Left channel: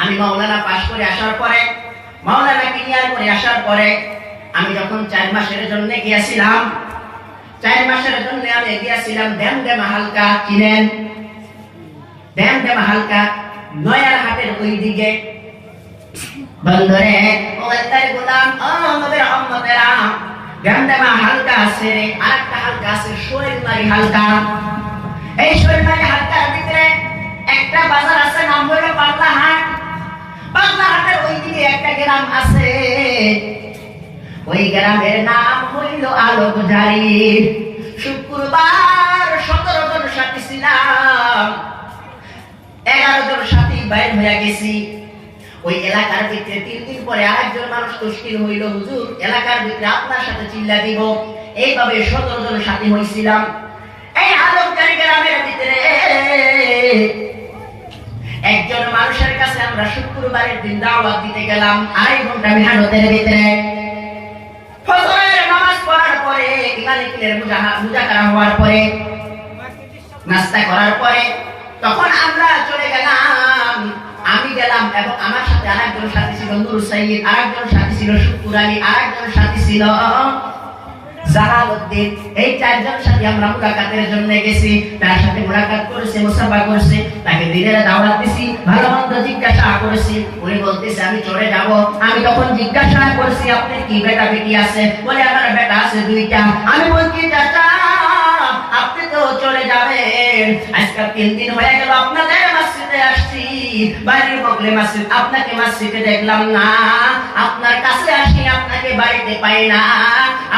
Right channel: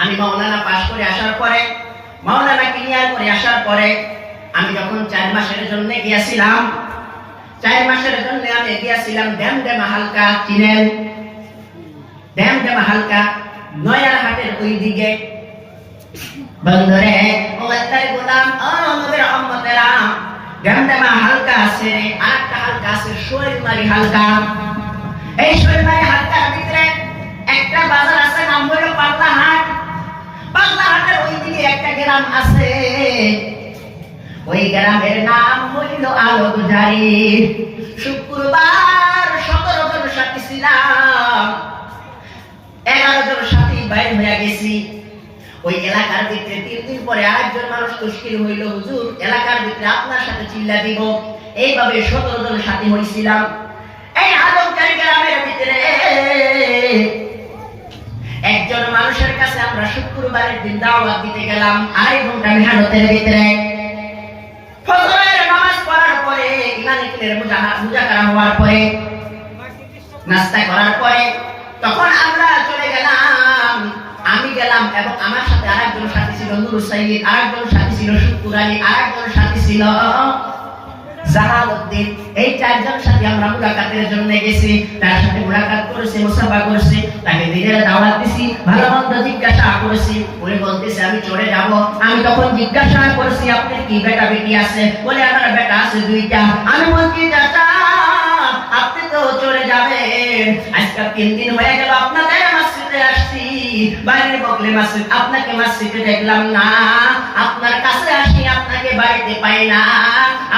আমি মাওলানা পাশ করে আসার পরে, মাওলানা ক্লিয়ার করে আসার পরে আমি যখন 4 মাসের জন্য গিয়েছিলাম, 4 মাসের জন্য আমি গিয়েছিলাম ড্যামডেমা হালকা, চিনেন ড্যামডেমা হালকা, নয়ার হাটের ওই দিকে। বন্ধুরে ও আল্লাহর গোলাম, ও নবীর উম্মতেরা, ড্যামডেমা হালকা আছে, আরেকটা হালকা আছে শৈলমারি হালকা। এই শৈলমারি হালকার ভিতরে একটা বাজার আছে, নাম হলো পাগলা হাট। পাগলা হাটের ওই দিকে একটা গ্রাম আছে, ওই গ্রামের নাম হইল আলোকঝারি। শুক্রবার 17 জন সাথী ছিলাম, 11 জন সাথী বাইর হয়ে গেছি। ওই এলাকার ভিতরে 3 দিন পরে আরেকজন মানুষ তশকিল হইল, হুজুর এলাকার ভিতরে আপনার সাথে চিল্লা দিব। এইভাবে 17 জন সাথী হইছিলাম। এই আলোকঝারি গ্রামের ভিতরে একজন মানুষের কাছে আমরা শুক্রবারের দিন দাওয়াত দিতে গেলাম। 2.5 ঘন্টা মেহনতের ভিতরে ফজরের নামাজ পড়ার পরে, ইমানের মুজাকারা হওয়ার পরে, নাস্তা করার পরে তখন আমরা চলে গেলাম। আমি গেলাম এবং আমার সাথে আরেকজন সাথী ছিল নূর সাইয়্যিদ, আরেকজন সাথী ছিল শুকুর আলী, আরেকজন সাথী ছিল জালালউদ্দিন। এই 4 জন সাথী আমরা মুলাকাতের জন্য গেছি। তার সাথে মুলাকাত করেছি, মুসাফা করেছি, তাকে দিনের দাওয়াত দিছি, ভালো মন্দ জিজ্ঞাসা করেছি। উনি বলতেছে আমি চলে যাব। আমি তখন জিজ্ঞাসা করেছি আপনার কি বেটা বেটি আছে? বলে আমার বেটা আছে 2টা। আমি বলছি চাচা আপনি তো চলে যাবেন, আজকে 3 দিন হয়ে গেল আপনাদের মসজিদে আসছি, বাড়ির বগলে মসজিদ, আপনাকে মসজিদে দেখলাম না, আপনার কাছে আসি আপনাকে বাড়িতে পাই না,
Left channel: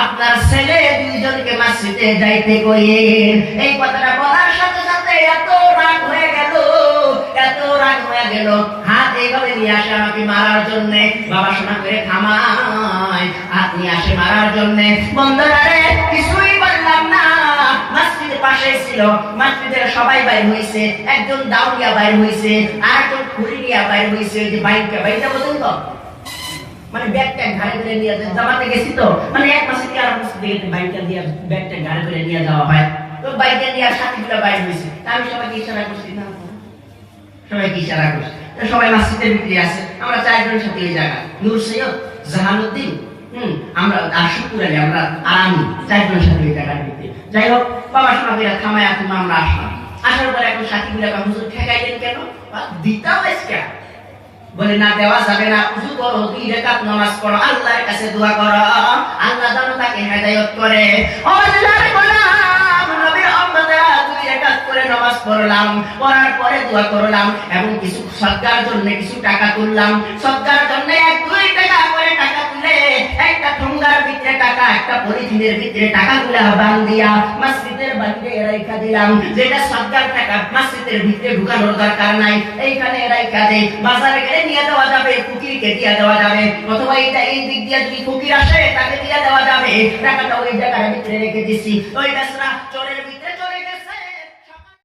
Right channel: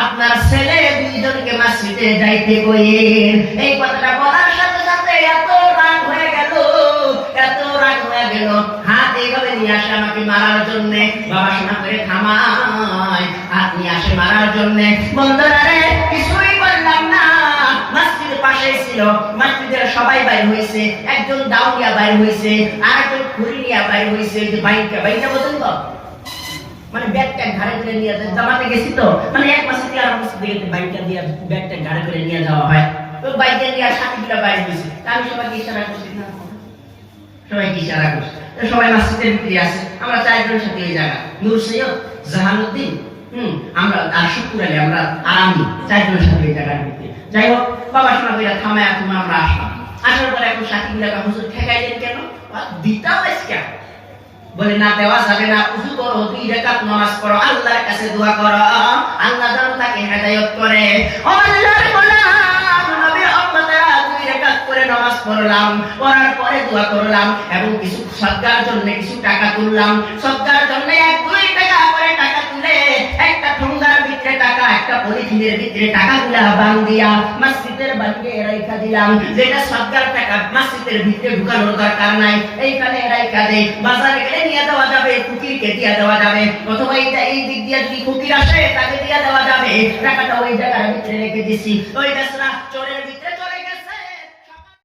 আপনার ছেলে 2 জনকে মসজিদে যাইতে কইেন। এই কথাটা বলার সাথে সাথে এত রাগ হয়ে গেল, এত রাগ হয়ে গেল, হাত এইভাবে নিয়ে আসে আমাকে মারার জন্য। বাবা শোনা করে থামায়, হাত নিয়ে আসে মারার জন্য। বন্ধুরা রে, কিছুই বললাম না। মসজিদের পাশে ছিল, মসজিদের সবাই বাইর হইছে, একজন দাউরিয়া বাইর হইছে, আরেকজন খুরিয়া বাইর হইছে। ওই যে বাইকটা বলতেন তো, মানে ব্যাগটা ঘাড়ে করে নিয়ে জামাতে গেছি তো, মানে 1 মাসে কি আর মসজিদে গেছে বাইকটা দিয়ে ব্যাগটা ঘাড়ে করে নিয়ে যাওয়া হয়। তো বাইকটা নিয়ে সাথীগুলো বাইর হইছে। আমি সবাইকে ইশারা করছি, না সবাইকে ইশারা করছি। তো সবাই মসজিদের ভিতরে আছে। আমরা 4 জন সাথী ওই জায়গা, নূর সৈয়দ, জাহালউদ্দিন, আমরা আর শুকুর আলী, আমরা আর আমি 4 জন সাথী ওই জায়গার ভিতরে। যাই হোক, বাবা শোনা করে থামায় তুমি আমরা আসলাম। আসার পরে এখন সাথীগুলো হুজুর ঠেকাইলেন কেন? দিতাম আজকে বলে না, দেওয়া যাবে না। উযু করো, 2 রাকাত নামাজ পড়ো, আল্লাহর কাছে দোয়া করো, আল্লাহ যেন তাকে হেদায়েত করে। ও আল্লাহর গোলাম, নবীর উম্মতেরা 2 রাকাত করে নামাজ পড়লাম, পড়ার পরে দোয়া করলাম এবং কিছু সদকার জন্য কিছু টাকা তুললাম। সদকার জন্য 1-2 টাকা করে টাকা তুলে একটা ঠোঙ্গার ভিতরে টাকা, একটা পলিথিনের ভিতরে টাকাগুলা বান্ধিয়া মসজিদের বাইরে রাইখা দিলাম। যেটা সদকার টাকা মসজিদের ভিতরে ঢুকানোর দরকার নাই, এইখানে রাইখা দেই। বাজারে গেলে নিয়ে দেওয়া যাবে, ফকিরকে দিয়ে দেওয়া যাবে, অথবা এই দিক দিয়ে যদি ফকির আসে তাকে দিয়ে দেওয়া যাবে। টাকাটা ওই জায়গার ভিতরে রেখে দিছি। ওই বেসরা চোরের ভিতরে